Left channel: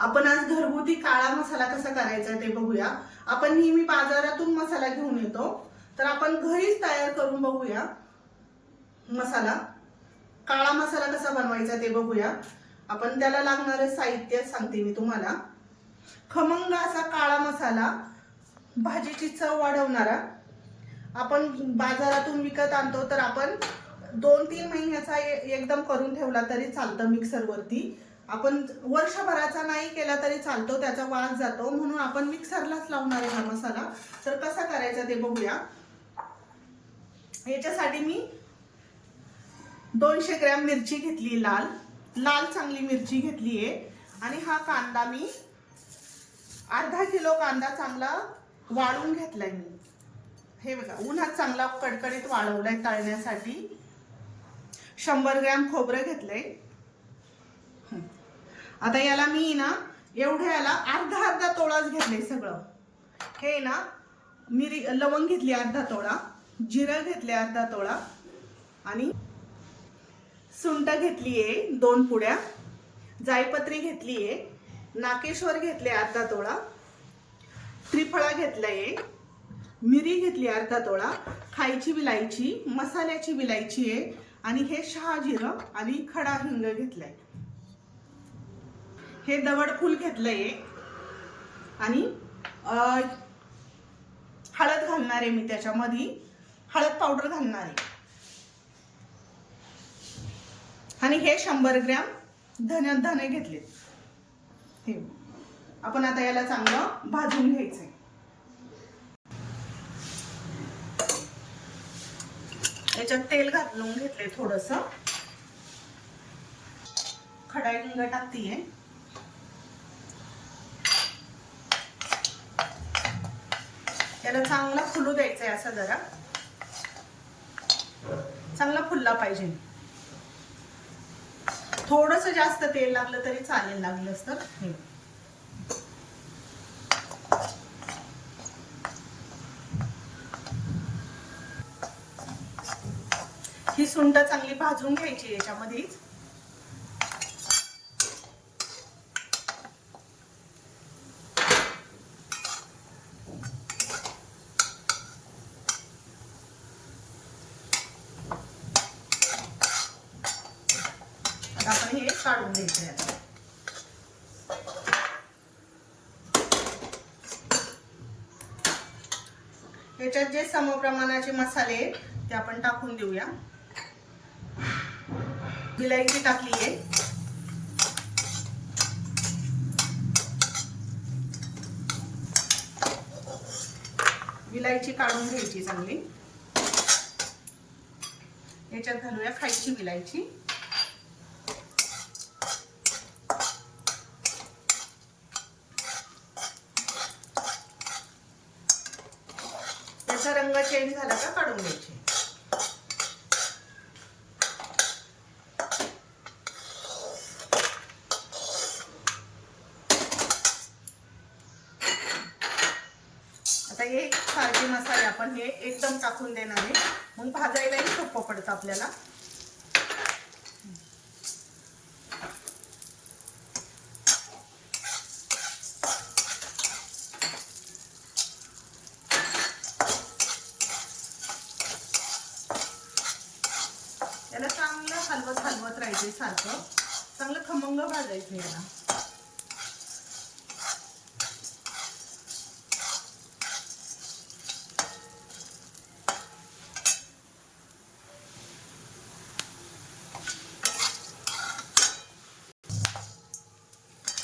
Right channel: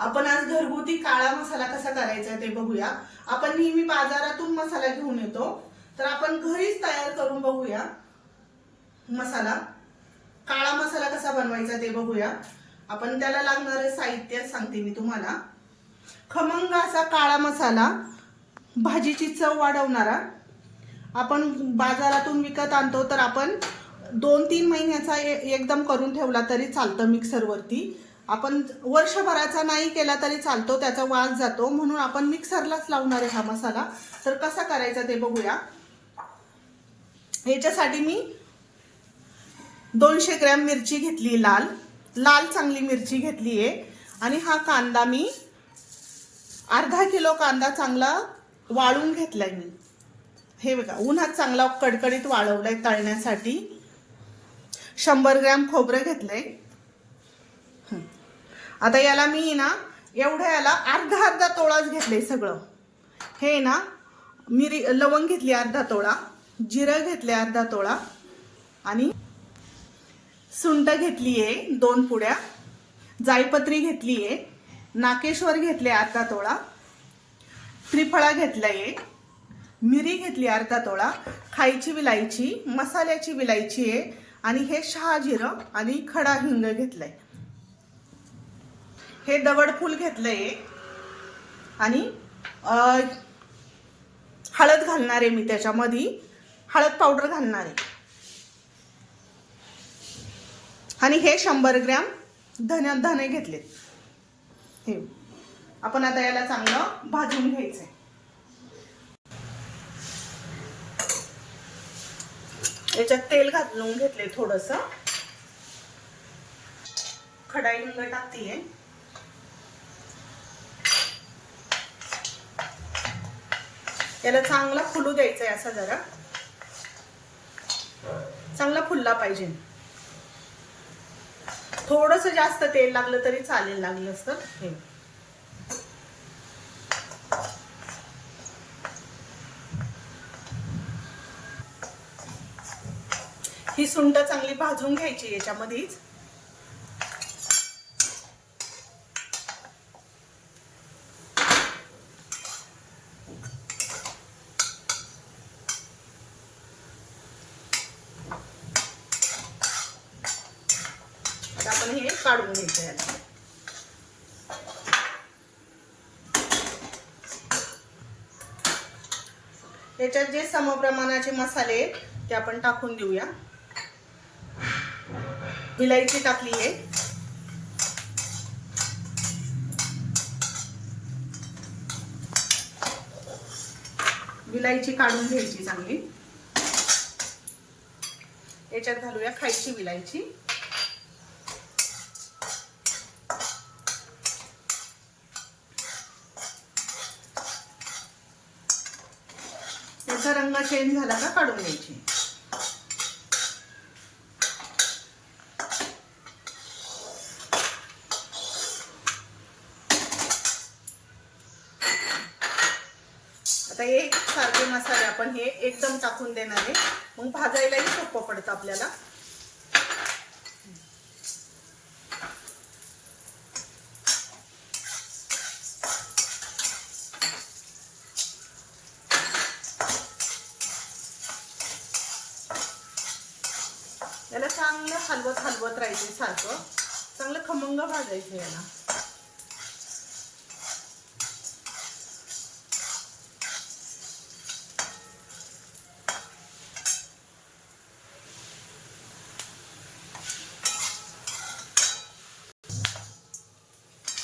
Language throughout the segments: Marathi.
आपण आज घरगुती काळा मसाला कसा करायचा ते बघूया। आपण नेहमी बाजारातून मसाला घेऊन येतो, तर आपण घरीच तयार करून बघूया। मसाला काळा मसाला कसा बनवायचा ते बघूया। आपण त्याला लागणारे साहित्य सांगते मी तुम्हाला। खमंग असा काळा मसाला, भाजीची चव वाढवणारा। आपण बाजारातून विकत आणतो, तर आपण 2-3 महिन्याचा एकदम करून ठेवला तरी चालतं मिक्सरवरती। आपण वर्षभराचा नाही केला तरी चालतो, त्याचा वास जातो, म्हणून आपण मिक्सरलाच लावणार आहे हा मसाला। तर कसा करायचा ते बघूया। याच्यासाठी मी 200 ग्रॅम मिरची घेतली, लाल लाल चांगली मिरची घेतली आहे। आणि हा कांदा मी अर्धा किलो कांदा चांगला वाळून घेतलाय मी। हे बघा, उन्हात चांगला कडकडीत वाळवलाय तळण्यासाठी। 100 ग्रॅम खोबरं घेतलंय। आता याला मी ना याला अर्धा तोळाच घेतले सगळं। हे ना लवंग घेतली अर्धा तोळा, जिरं घेतले अर्धा तोळा, आणि सुंठ घेतलीये 2 पुड्या, जायपत्री घेतलीये, नाकेश्वर घेतले अर्धा तोळा, त्रिफळा घेतलाय, मिरी घेतली अर्धा तोळा, खायची विलायची, मसाल्याची विलायची आहे, आणि हे शहाजिरं आणि खडा हिंग घेतलाय। हे दगडफूल घेतलंय, आणि हळद घालणार आहे मी त्याच्यामध्ये, हळद पावडर घालणार आहे। आणि हे 100 ग्रॅम धने घेतले। हे आपण आता याला चांगलं भाजून घ्यायचंय। याच्यात तेल घालून घेतले थोडंसं, खडा हिंग टाकतीये। याला चांगला फुलू द्यायचंय, असं जरा चांगला फुलला पाहिजे। थोडस जास्त तेल लागलं तरी चालेल, लागलंच तर। हे ही सुंठ चांगली भाजून घ्यायची याच्यामध्येच। आपण हे काढून घ्यायचे याला। याच्यात जे समप्रमाणाचे मसाले ते आपण टाकून देऊया। विलायची टाकली आहे, विलायची काढून घ्यायची चांगली। याच्यात घालूया खायची विलायची, याचा रंग चेंज झाला का काढून घ्यायची। आता हे सारखे मसाले आपण हे एकदम टाकून देणार आहे, मग भाजायलाही सोपं पडतं आपल्याला। याला चांगलं हलवत राहायचं, सारखं चांगलं खमंग भाजायचं याला।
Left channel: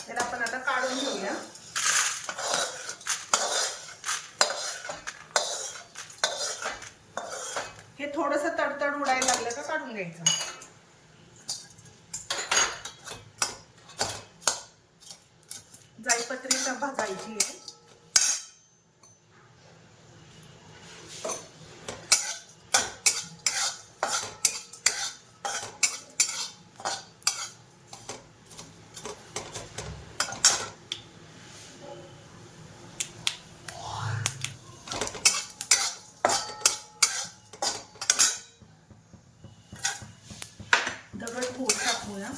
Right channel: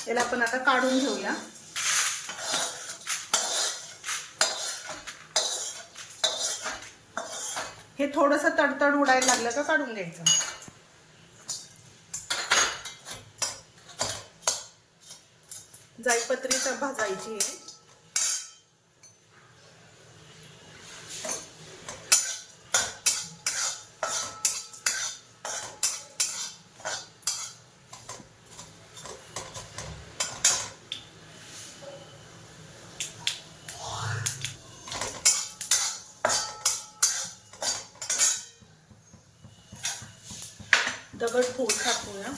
याला आपण आता काढून घेऊया। हे थोडंसं तडतड उडायला लागलं का काढून घ्यायचं। जायपत्री भाजायची आहे। दगडफूल टाकूया।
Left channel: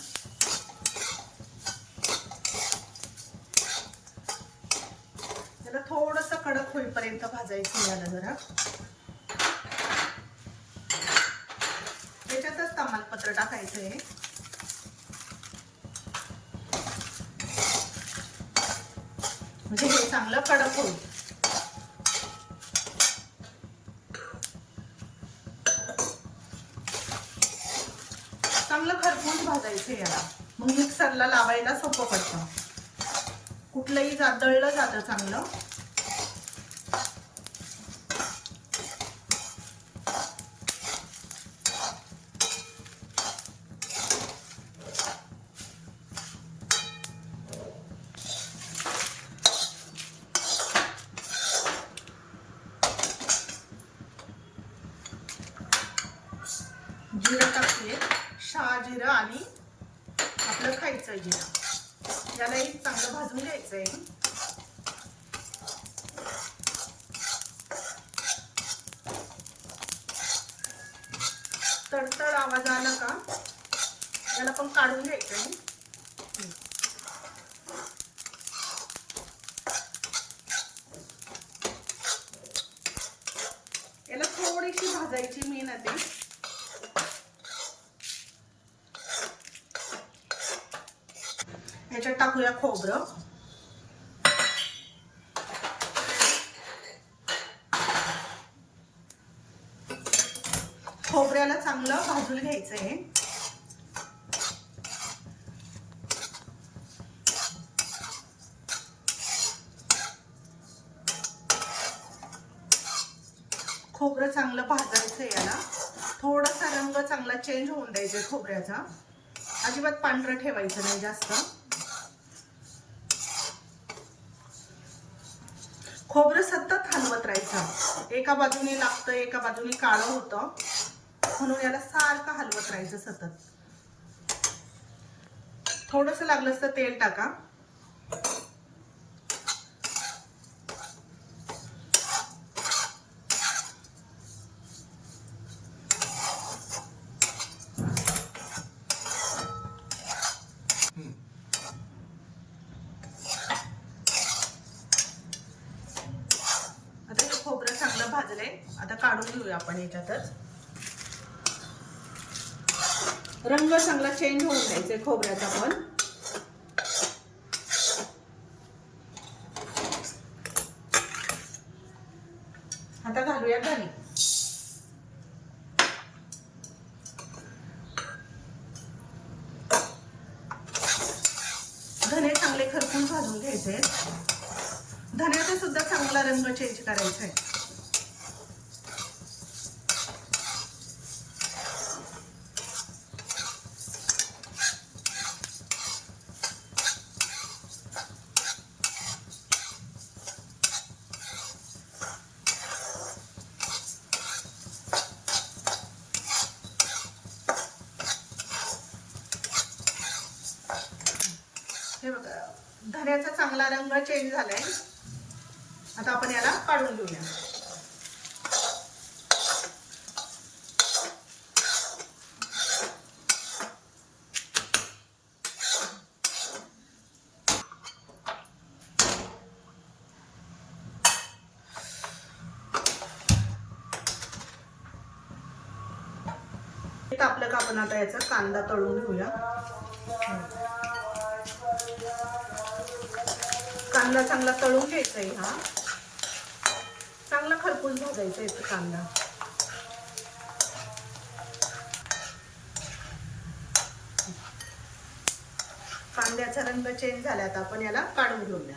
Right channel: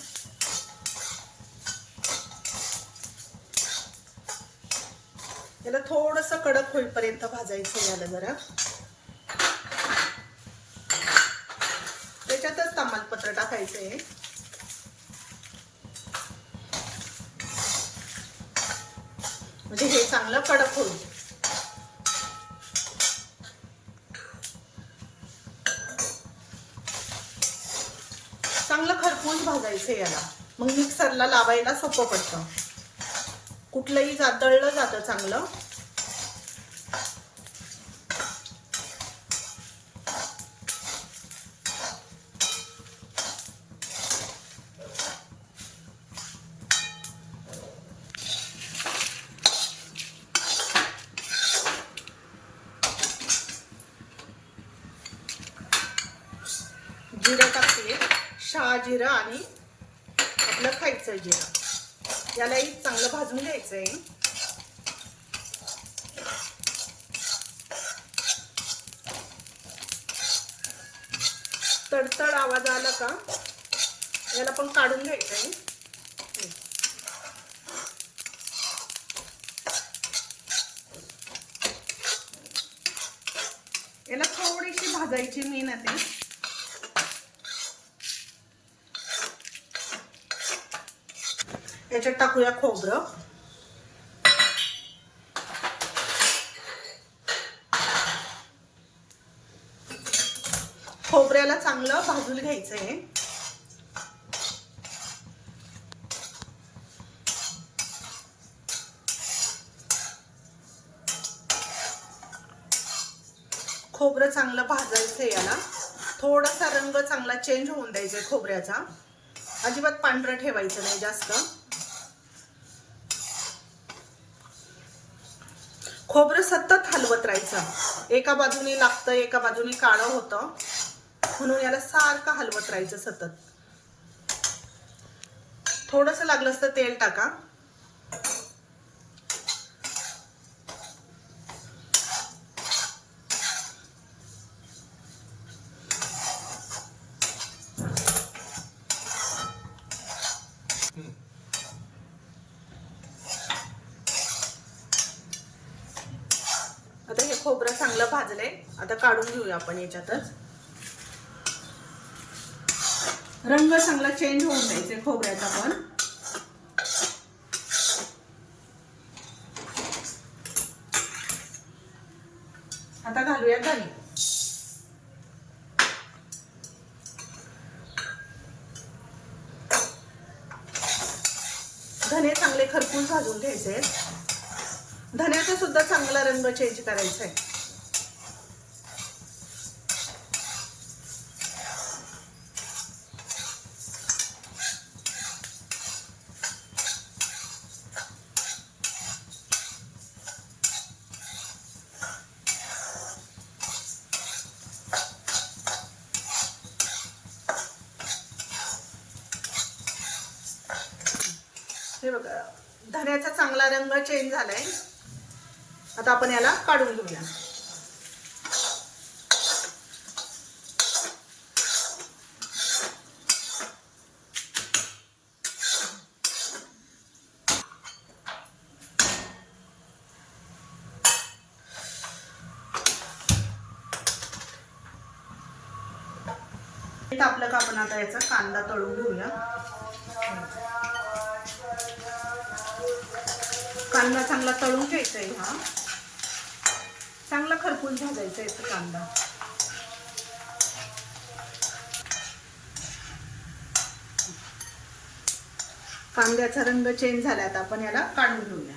कडक होईपर्यंत भाजायचं याला जरा. त्याच्यातच तमालपत्र टाकायचंय. म्हणजे हे चांगलं कडक होईल. चांगलं खरपूस भाजायचं याला. मग मिक्सरला लावायला सोपं पडतं. कुठलंही तळलं जातं चांगलं. जिरं टाकले, शहाजिरं आणि आपलं खायचं जिरं, यालाही चांगलं भाजून घ्यायचंय. तडतड आवाज आला का याला पण काढून घ्यायचं. याला थोडीशी भाजायची मेहनत. याच्यात टाकूया खोबरं. खोबऱ्याला चांगलं भाजून घ्यायचंय. खोबरं चांगलं भाजायचं. याला थोडासा रंग चांगला चेंज होऊन द्यायचा खोबऱ्याचा. अजिबात पांढरं ठेवायचं नाही जास्त. खोबरं सतत हलवत राहायचं. एका बाजूने लागतं, एका बाजूने काळं होतं, म्हणून याला सारखं हलवत राहायचं सतत. थोडंसं लागलंच तर तेल टाका. आता हे खोबरं चांगलं भाजलंय. आता काढून घेऊया आपण याच्यातच. रंग चांगला चेंज होऊन द्यायचा खोबऱ्याचा पण. आता घालूया धने. धने चांगले खरपूस भाजून घ्यायचे. धन्याचा सुद्धा चांगला रंग चेंज करायचा आहे. हे बघा, धन्याचा चांगला रंग चेंज झालाय. आता आपण याला काढून घेऊया. आपलं का आपण आता याचा कांदा तळून घेऊया. कांदा चांगला तळून घ्यायचा आहे. हा चांगला खरपूस भाजायचा आहे कांदा. कांद्याचा रंग चेंज झाला. आता आपण याला काढून घेऊया.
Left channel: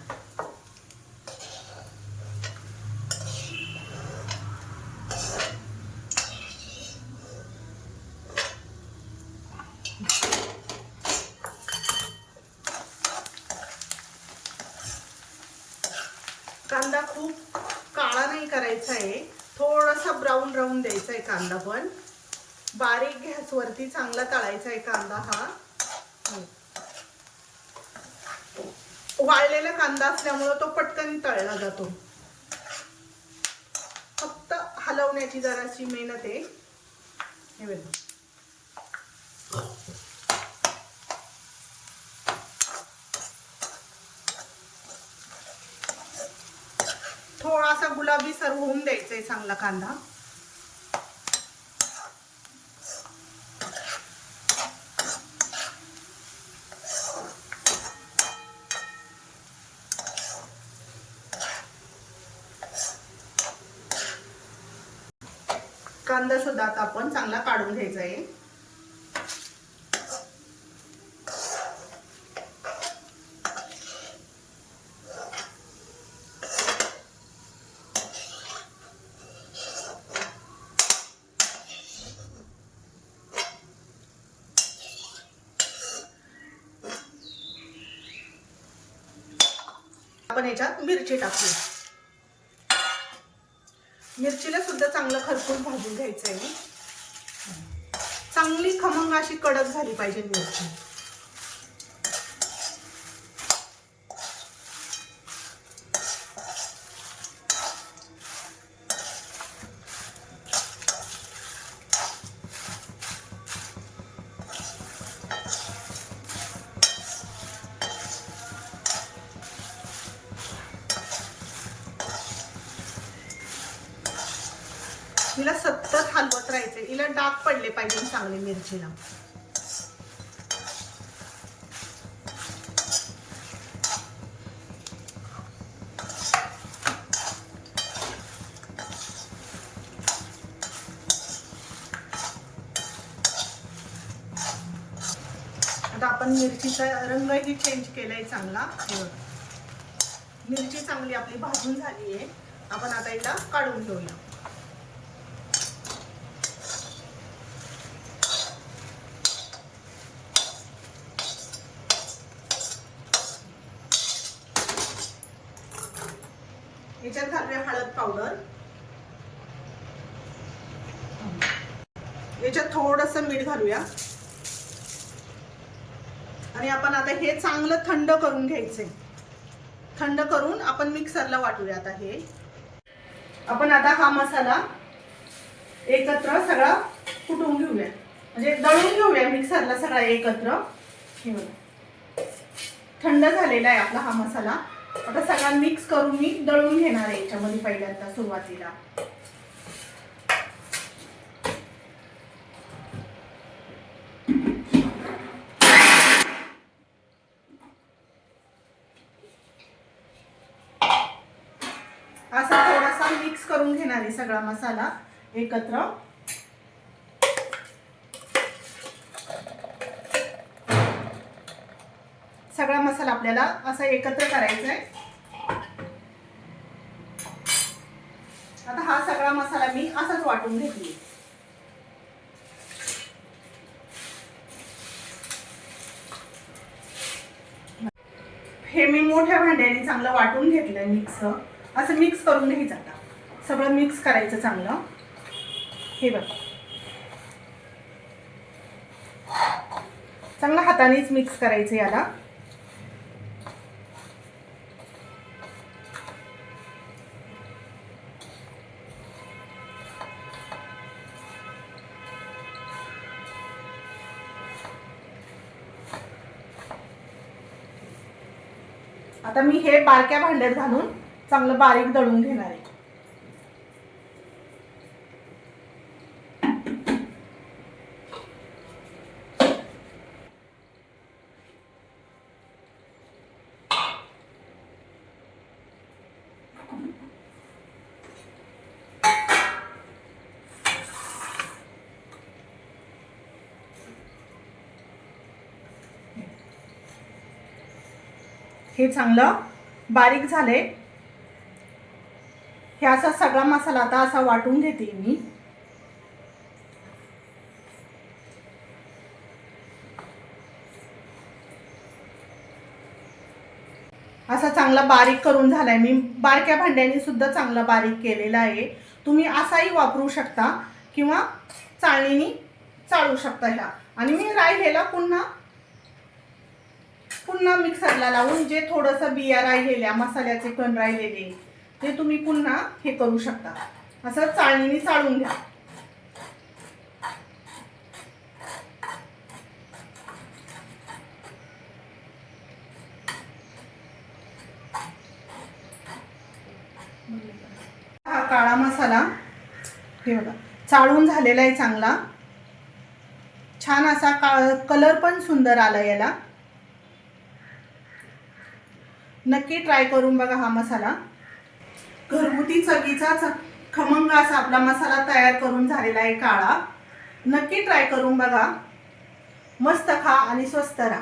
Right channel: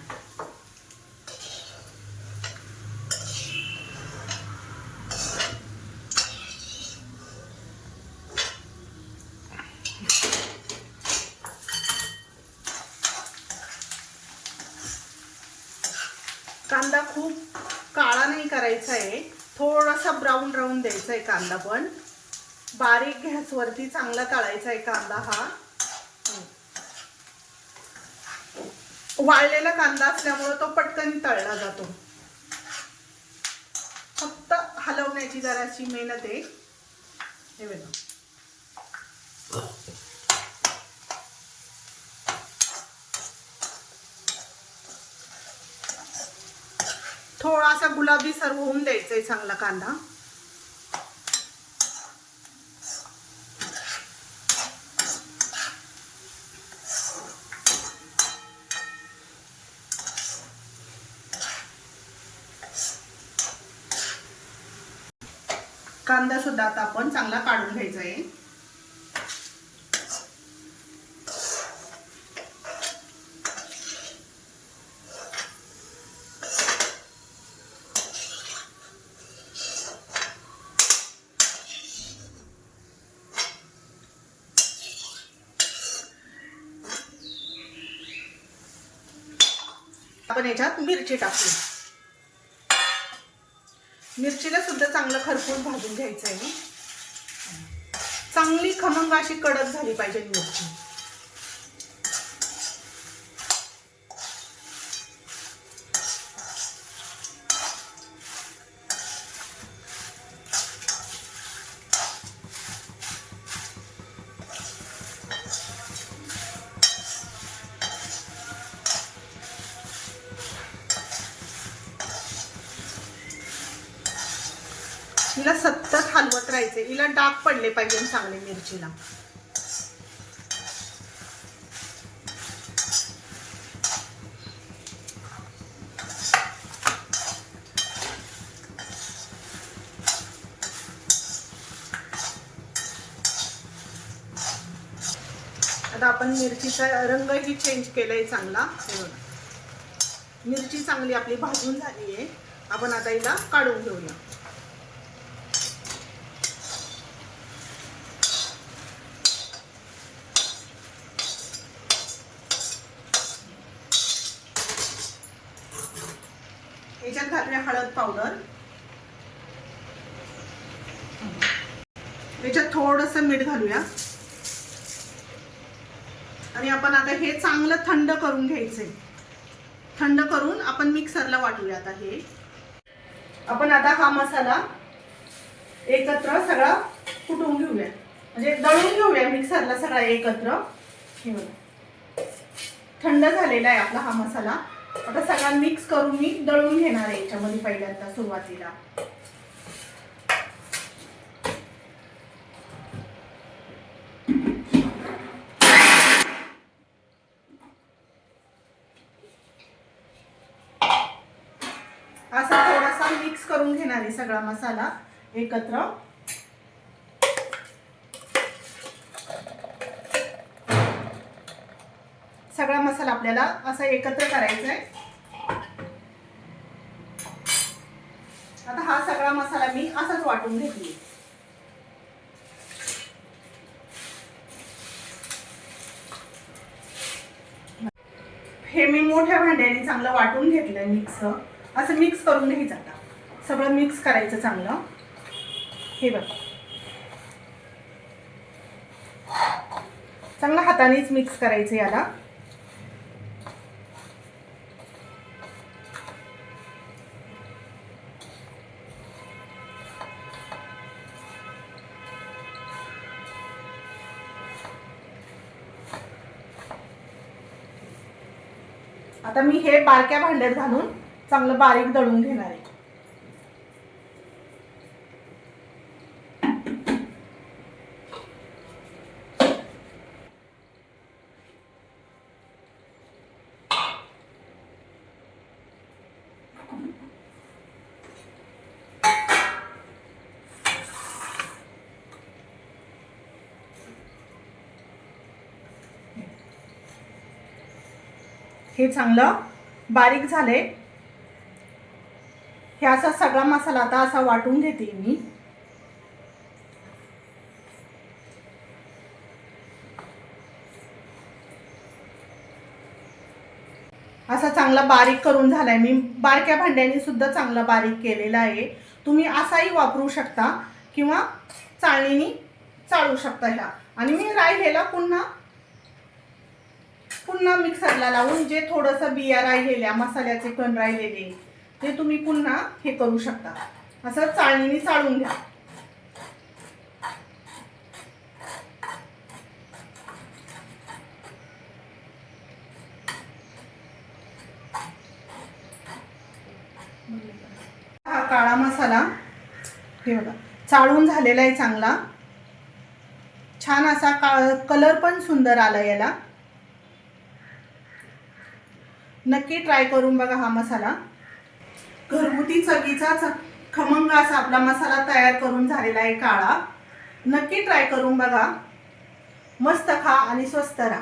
कांदा खूप काळा नाही करायचा आहे, थोडासा ब्राऊन राहून द्यायचा आहे कांदा. पण बारीक गॅसवरती चांगला तळायचा आहे कांदा. हा वाळलेला कांदा असल्यामुळे तो पटकन तळला जातो. फक्त हलवण्याची जराशी मेहनत आहे. हे बघा, थोडा असा गुलाबी सर होऊन द्यायचा आहे चांगला कांदा. कांदा सुद्धा आता आपण चांगला काढून घ्यायचा आहे. आपण याच्यात मिरची टाकू. मिरचीला सुद्धा चांगलं खरपूस भाजून घ्यायचं आहे. चांगली खमंग अशी कडक झाली पाहिजे मिरची. हिला सतत हलवत राहायचे. हिला डाग पडले पाहिजे चांगले मिरचीला. आता आपण मिरचीचा रंगही चेंज केलाय चांगला. मिरची चांगली आपली भाजून झाली आहे. आपण आता हिला काढून घेऊया. याच्यात घालूया हळद पावडर. याच्यात थोडंसं मीठ घालूया. आणि आपण आता हे चांगलं थंड करून घ्यायचंय. थंड करून आपण मिक्सरला वाटूया. आता हे आपण आता हा मसाला एकत्र सगळा कुटून घेऊया, म्हणजे दळून घेऊया मिक्सरला सगळा एकत्र. हे बघा थंड झालेला आहे आपला हा मसाला. आता सगळा मिक्स करून मी दळून घेणार आहे याच्यामध्ये पहिल्यांदा सुरुवातीला. असा थोडासा मिक्स करून घेणार आहे सगळा मसाला एकत्र. सगळा मसाला आपल्याला असा एकत्र करायचा आहे. आता हा सगळा मसाला मी असाच वाटून घेतली. हे मी मोठ्या भांड्याने चांगलं वाटून घेतलंय. मिक्स असं मिक्स करून घ्यायचं. आता सगळं मिक्स करायचं चांगलं. हे बघा चांगलं हातानेच मिक्स करायचं याला. आता मी हे बारक्या भांड्यात घालून चांगलं बारीक दळून घेणार आहे. हे चांगलं बारीक झाले. हे असा सगळा मसाला आता असा वाटून घेते मी. असा चांगला बारीक करून झालाय. मी बारक्या भांड्याने सुद्धा चांगला बारीक केलेला आहे. तुम्ही असाही वापरू शकता किंवा चाळणीने चाळू शकता ह्या. आणि मी राहिलेला पुन्हा मिक्सरला लावून जे थोडंसं बिया राहिलेल्या मसाल्याचे कण राहिलेले ते तुम्ही पुन्हा हे करू शकता. असं चाळणीने चाळून घ्या. हे बघा चाळून झालेला आहे चांगला, छान असा कलर पण सुंदर आला याला. नक्की ट्राय करून बघा हा मसाला. घरगुती चवीचा खमंग असा आपला मसाला तयार करून झालेला आहे काळा. नक्की ट्राय करून बघा. मस्त खा आणि स्वस्त राहा.